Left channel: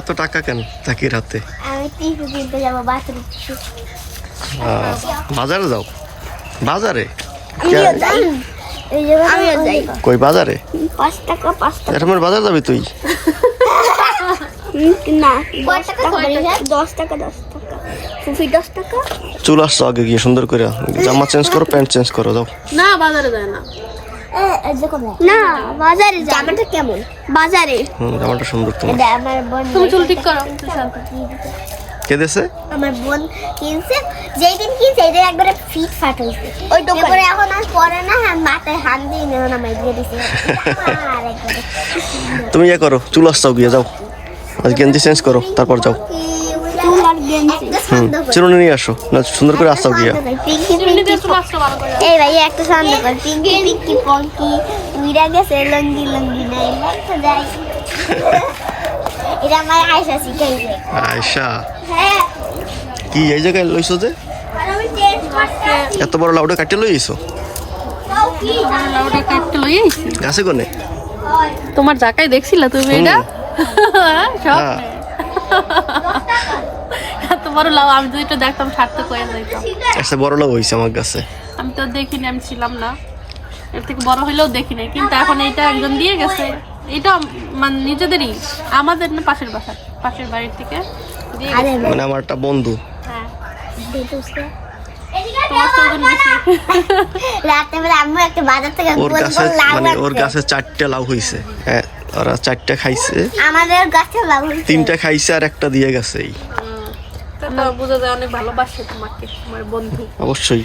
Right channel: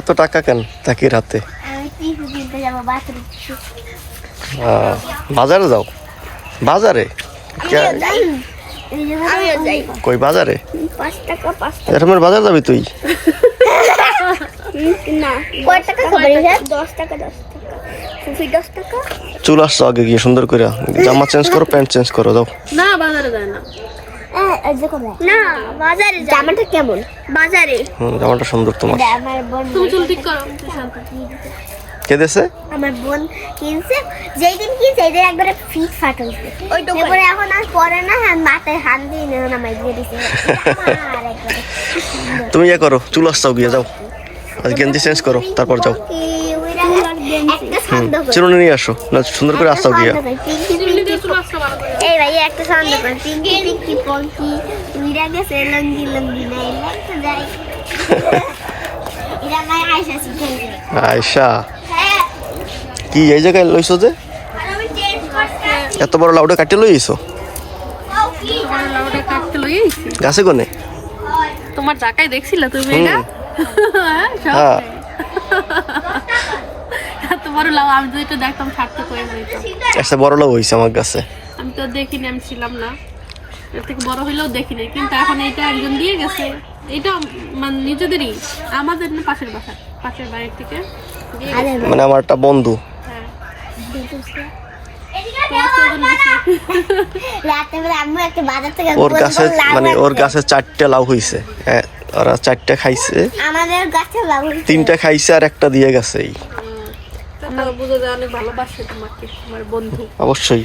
এত টাকা কেন তাকির হাতে? বাজারে যাও? বাজারে কই বাজারে? 5 টাকা 5 টাকা। এরকম বাজার যাবি তুই? না 10 টাকা 10 টাকা 10 টাকা। ফুফি 10 টাকা। চুল আসছো আগে গিয়ে সুন্দর করে জামা চেঞ্জ করো, প্যান্ট চেঞ্জ করো, যাও। না বাজারে যায় না। না বাজারে জামাটা কেমন? বাজারে জামাটা সুন্দর তোমার। আমার বোন তুমি চুল ঠিক করো। কে দেছে? আমার বোন কিনছে, যেই দিন কিনছে এটা একবারে ফিট ফাট হইছে। তারপরে এখন আর পরে না, মাথায় হাত দিয়ে নেও না মাই দিয়ে দিছে। আর একবারে তুমি ইয়ে করো, চুল আসছাও গিয়ে যাও, আর গেঞ্জি চেঞ্জ করো, তারপর যাও। একটা ছন্দ করে চিরুনি নিয়ে আসো, না সুন্দর করে আসছাও গিয়ে। পিঙ্কি পিঙ্কি এই ভাই একটা ছন্দ করে পিঙ্কি পিঙ্কি পঙ্কি উইরা গেছে লঙ্গি লঙ্গি নাই লাগতো যাই। এটা আমার আয়শা শিখাইছে। আয়শা হ্যাঁ কি এই জায়গায় লইছো যে? আর আমি চেঞ্জ করতে এত বড় লাউডা কাটতে লইছো গাছে কোনে? তোমার জাকাই দেখছিলে তুমি এটা? হ্যাঁ এত বড় লাউ আমি যদি একটু দেখতাম ছাড়তে কয়ে যাইতাম। একটা বড় লাউ হইছে আমার কাছে। আমি তো দেখিনি, আমি ছিলাম না, এর থেকে বড় হইলেও দেখিনি, কিন্তু এখন এইটা একজন দিয়ে গেছে। এটা মানে নিজেদেরই, আমাদের না, পাশের বাসা, পাশের বাড়ির থেকে দিয়ে গেছে। মানে আমার একটা বন্ধু। হ্যাঁ তোমার তো ওজন বেশি। রাতে বেলা আম্মু একটা বাজার থেকে ওর গাছে মানে ওর গাছে 4টা লাউ হইছে, হ্যাঁ ওরা 4টা খাইছে, আমাদের গাছে লাউ হইছে। 3টা খাইছে আর একটা দিয়ে গেছে। এই তাও বোঝা যায় অনেক ভালোবাসে তোমাকে, আমার বন্ধু। অবশ্যই।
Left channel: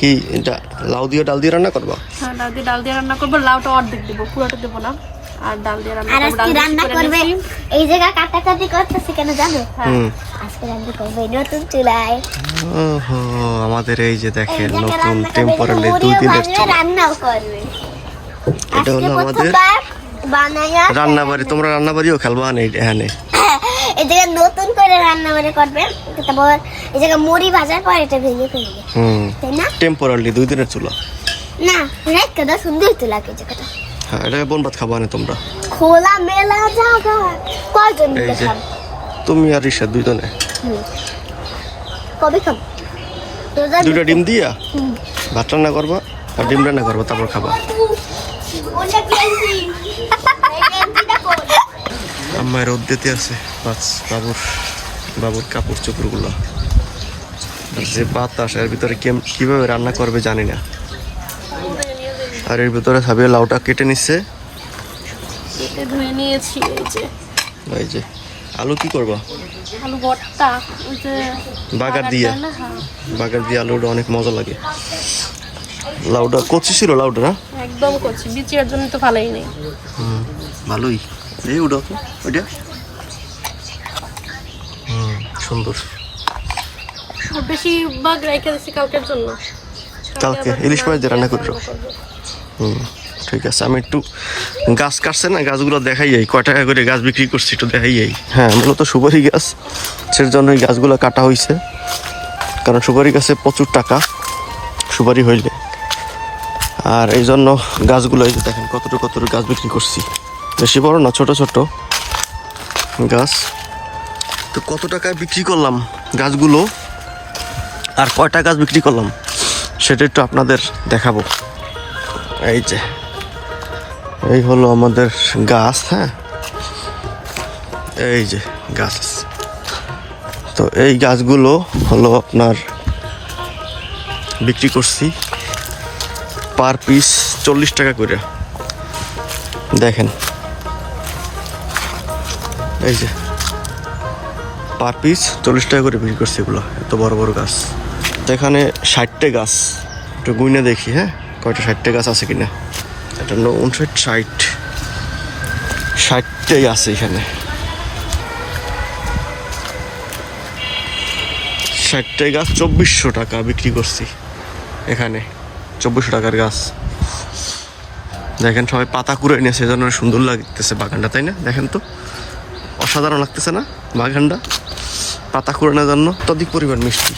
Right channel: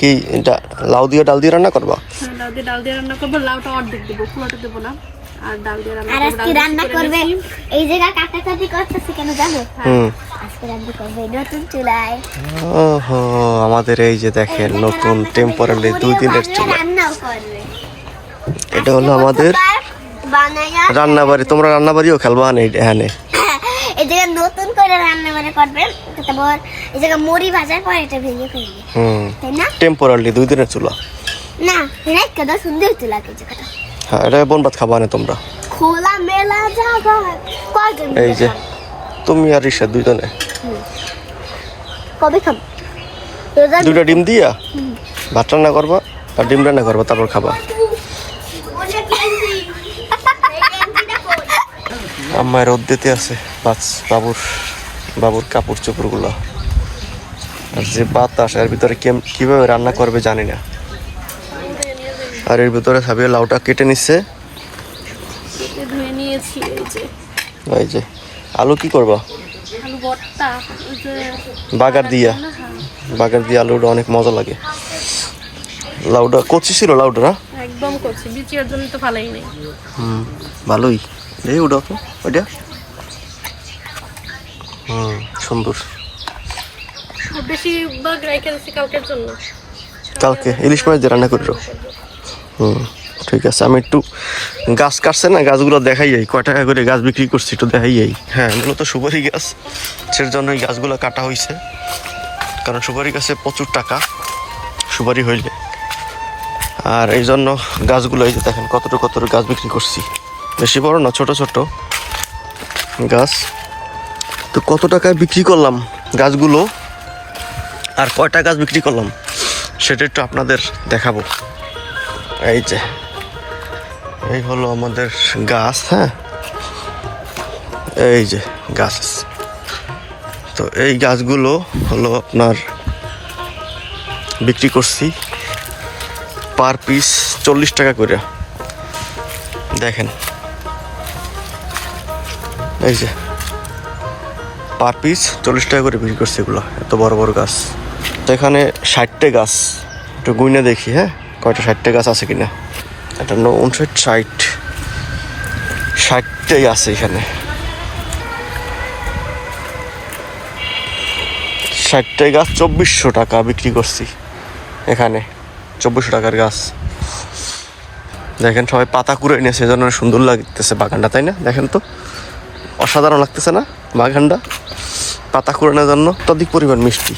কি এটা লাউ দিয়ে ডাল দিয়ে রান্না করবা? হ্যাঁ ডাল দিয়ে রান্না করবো, লাউটা অর্ধেক দেবো, পুরোটা দেবো না। আর ডাল দিয়ে রান্না আর করবো। আজকে রান্না করবে এই জায়গা কাটাকাটি করতেছে কেন জানো? হুম। আজকে রান্না করবে নতুন চুলায়। ওহো, আমাদের এই যে দেখেন নতুন টেম্পোরারি 2 দিনের চুলা। রান্নাও করবে। এটা হলো আমাদের বানায়া রান্নাবাড়ি। তোমরা রান্নাবাড়িও খেলবা না এখানে? এই জায়গা নতুন করে রান্না করে করবে, তারপর এই জায়গা মুড়ি ভাজার পর এটা ভেঙে ফেলবে, তাই না? টেম্পোরারি 2 দিনের চুলা। না রেখে সুন্দর তো লাগে জায়গাটা। হ্যাঁ, এটা বোন ভাত খাবা না তোমরা? খোলা মেলা জায়গা কয়জন? এই যে তুমি আর ঈশা দুইজনে কবে খাবো? 2টা ডিম দিয়া ভাত রান্না করবা আর ডিম রান্না করবা, তারপর খাবা। আমার রোদ দিতে আছে বাবুর কাপড় চোপড় গুলা, আর যে বাতাস এর ভিতরে কিভাবে রান্না করবে জানি না। আর এর ভিতরে সাবিয়া লাউটা কেটে নিচ্ছে। ধুয়ে নিয়েছি। এই যে আলু কি করবা? আলু ভর্তা, ওই যে বাগার দিয়া, বাগার দিয়ে আলুটা অনেক মজা লাগে। লাউটা কচি ছিল লাউটা না? একদম করছি, বিচির জন্য তো ভালোই নেই। ভালোই। এই ওটা তো ওইটা সুন্দর। বেশিরভাগ রেখে দিচ্ছি কালকের জন্য। কালকে ইলিশ মাছ দিয়ে রান্না করো? ঠিক আছে। আমি একটু গাছ কাটছে না, গাছগুলো দেখাই যাই, কয় টাকা করে গাছ বিক্রি করছি একটু দেখাই যাই। হ্যাঁ, মূলত সুপারি গাছ, সেই জন্য এই গাছগুলো কাটা হয়েছে, কারণ সুপারি গাছে প্রচুর টাকা সুপারি হইলে। আর এই জন্য গাছগুলো এই যে দেখেন কতটুকু গাছ বিক্রি করছি, বেশি বড় না, ছোট ছোট গাছ। তো কত টাকায় বিক্রি করলাম গাছগুলো আর কয়টা গাছ বিক্রি করলাম সেটা একটু আপনাদের দেখাবো। এই যে এই হলো আমাদের গাছ। হ্যাঁ, এই যে গাছ। তো এই গাছগুলো হলো আপনার বিক্রি করছি পার পিস 40 টাকা করে। দেখেন এই যে পার পিস 40 টাকা করে বিক্রি করছি এগুলো, এত বড় বড় গাছ। তো এখানে 60টা গাছ, একটু গুইনা দেখি হ্যাঁ কয়টা 60টা গাছ আছে কিনা। এটা 60টাই আছে এখানে। 60টাই গাছ 2400 টাকা বিক্রি করছি এখানে। 2400 টাকার গাছ। দেখেন সবাই পাতা কুড়ে নিয়ে, সেজন্য সুন্দর লাগতেছে বাগানটা, তাই না? দেখেন তো অসাধারণ লাগতেছে না বাগানটা? পাতা কুড়ানোর জন্য অত্যধিক পরিমাণ মিষ্টি।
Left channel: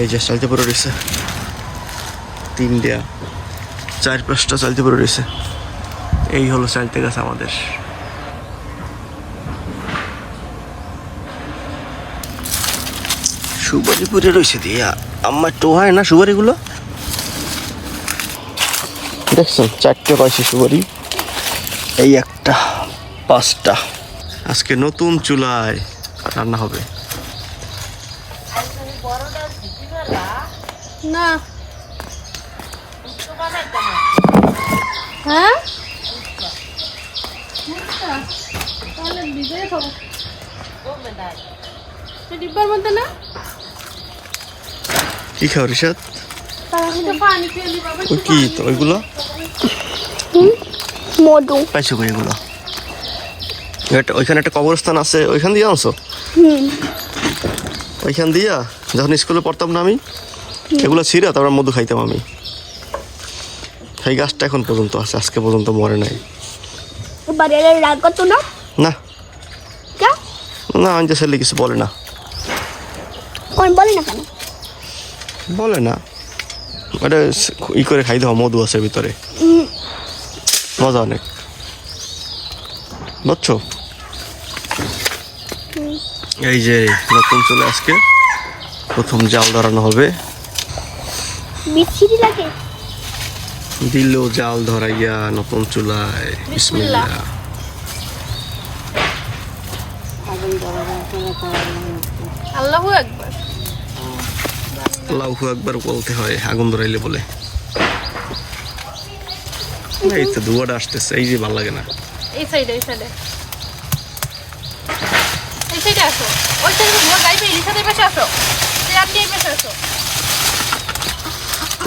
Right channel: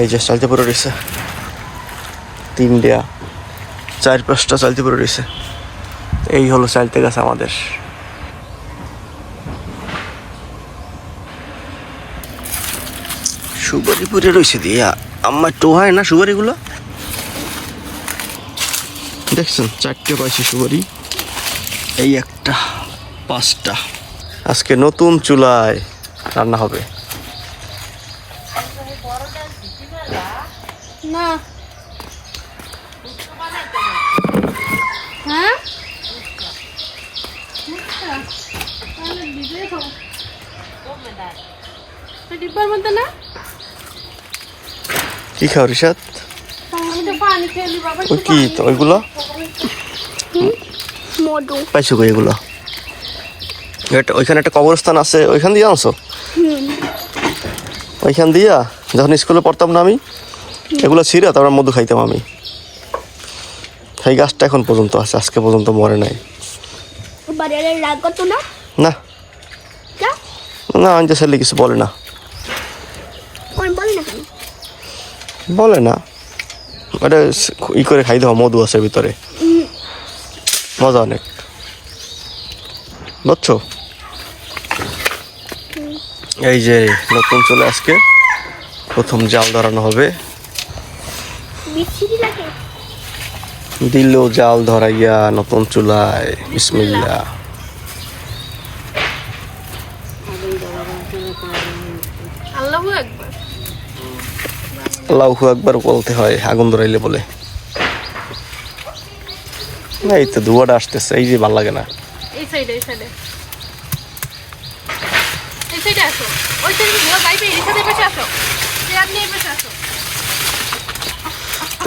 এই যে চালতে পড়ে রয়েছে 3টা 4-5টা চালতে পড়ে রয়েছে। এই হলো চাইলতে গাছ আমাদের। সুপারি পুরে রয়েছে দিয়া আমার তো হয় না সুপারিগুলো। দেখছেন 4টে পাইছি সুপারি, এই একটা 5টা। আজকে নতুন চুলায় রান্না হবে। না হ্যাঁ তাহলে ভিজে খাবো ডিব্বার মধ্যে না। কি খাও রিশাদ? আমি তো পানি খেলি বাবা। ওই কি তো ওইগুলো মধু। পাইছো কই এগুলো? ওইখানে একটা কবরস্থান আছে, ওইখান দিয়ে আনছো? ওইখান দিয়া যখন স্কুলে পড়তাম না আমি, এগুলো ছিঁড়া তারপর মধু খাইতাম আমি। সেই গাছটা এখন পর্যন্ত আছে, আজকে পর্যন্ত মরে নাই। বাড়িতে রাগ করতো না? না যা না, আমি যে ছেলে কিছু বলে না। ওই বল না কেন? বলে না, ওটা ই করে খাই দাও, মধু আছে ভিতরে, মজা অনেক, বুঝছো? এই যে নতুন চলে আজকে প্রথম জাল ধরানো হবে। বিচ্ছিরি লাগে। দিল জাল ধরাইয়া নতুন চুলায়, বিসমিল্লাহ। আল্লাহু আকবার। আল্লাহু আকবার বলতে হয় আগুন ধরাইলে বলে। এই তো ধোঁয়াটা আসতেছে, এই যে ভালো লাগে না। এই সাইডে এই সাইডে এই সাইডে আসো, ওই সাইডে মোর গাইবে এই সাইডে পাশে আসো, চেয়ার নিয়ে পাশে আসো।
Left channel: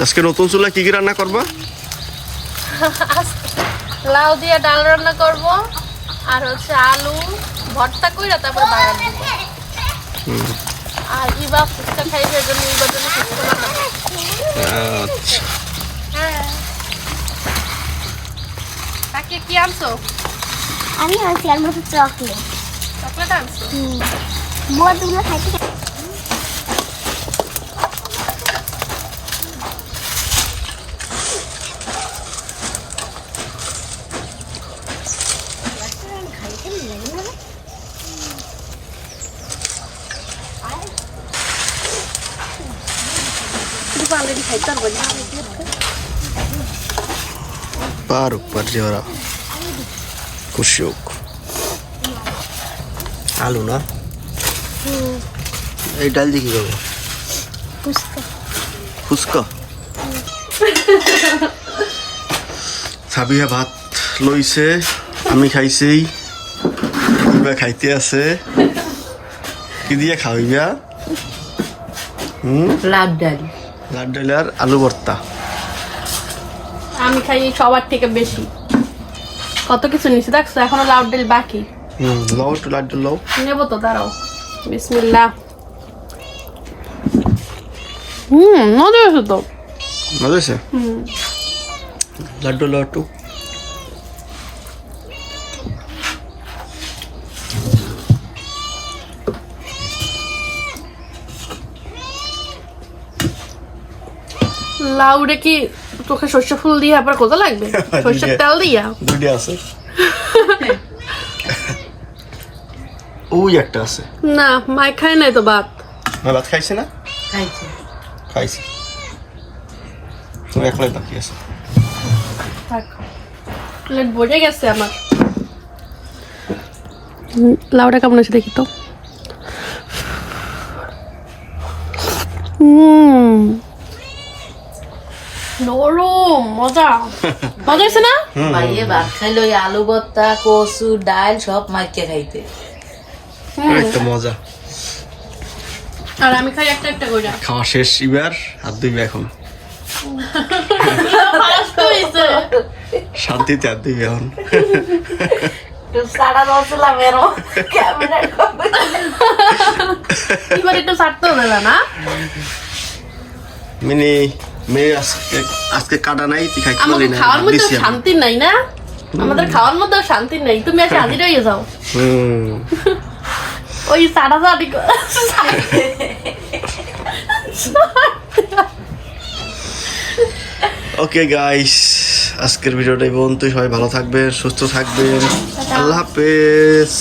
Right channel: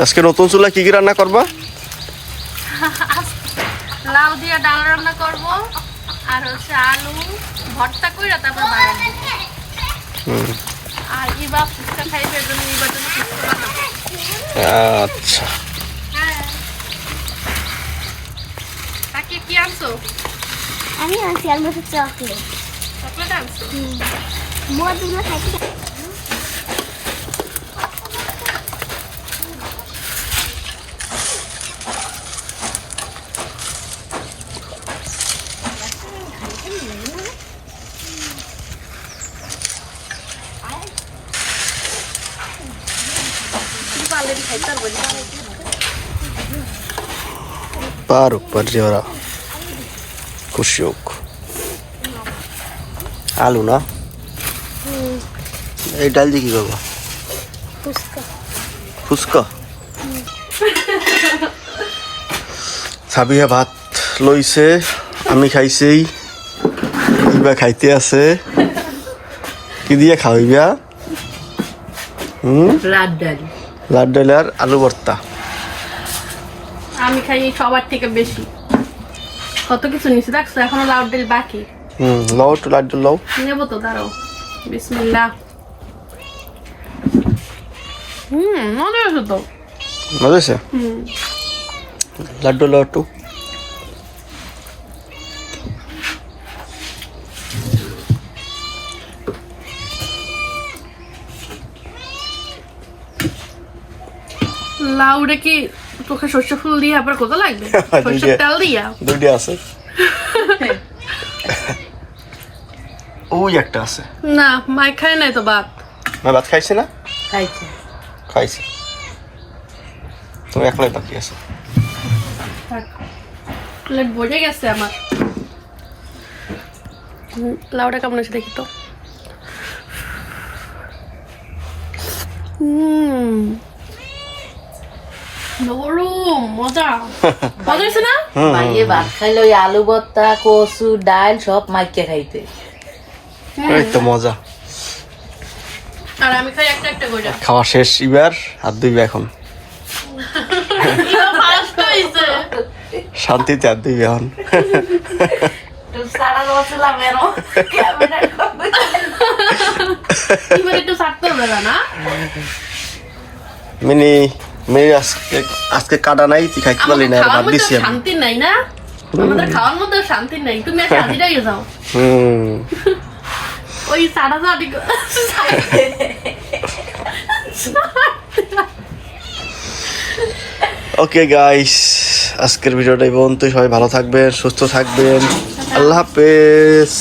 আজকে নতুন চুলা কি কি রান্না করবা? লাউ দিয়ে ডাল রান্না করব, আর হচ্ছে আলু ভর্তা কইরা তারপর বাগান দিব। আর ইবা ফুচকা খাইবে, এর জন্য ইবার জন্য ফুচকা বানাবো। আচ্ছা, হ্যাঁ কাকে কি আনছো? আমি আছি আর মতো চকলেট। চকলেট আনছো? মধুগুলো খাইতে পারুক পারছে ওরা, খুশি হোক। আলু না, এই ডাল দিয়ে কি করবো? ফুচকা। সাবিয়া ভাত লইছে, আমি খাইছি, ইবা খাইতে আছে। কি দিয়ে খাওয়াইবা? লাড ডাল, লাড ডাল আর আলু ভর্তা। আমি খাই সবার থেকে বেশি, কত কিছু নিচে দেখছো, এখনো লাউ ডাল বাকি। লও একটু লাড ডাল লও। নেবো তো, দাঁড়াও। বিসমিল্লাহ। মজা হয়েছে তো। মজা হয়েছে? লাড্ডু লও একটু। লাউরে কি চোখে সর্ষে ফুল দিয়ে আবার কত লাগবে? সর্ষের তেল দিয়া দুইটা আছে, ওই একটা আছে। না, মাই খায় নাই তো ভাত। না ভাত খাইছে না? খাইছে। খাইছে, তুমি একলাই বাকি আছে। প্লেট বোঝে গেছে আমার। লাউটা কেমন আছে দেখি তো। নরম, মজা মজা আছে না? মাইয়ে ভাত খাইলো, ওই আলু ভর্তা, কচু, ডাল সব মাইকে খাইতে। এই তো মজা। আর আমি খাই একটা একটা করে। খাওয়া শেষ, এবার হাত ধুইবে এখন, শান্তিতে হাত ধুইবে এখন। সারা বছলাম এরো ক্যামেরা এবার একটু ছাড়তে হবে না? মিনি মিনি আজকে কাটা নাই, তুই খাইতে পারলি না, ভাত দিছি আমি। শান্তি নাই না, আমাদের খাওয়ার মধ্যেও শান্তি নেই। তুমি আজকে হাজির হয়ে যাও। ওই সাড়া সাড়ি ওকে গাইস, আজকের ভিডিওটা এই পর্যন্তই। সবাই ভালো থাকবেন, সুস্থ থাকবেন। আল্লাহ হাফেজ।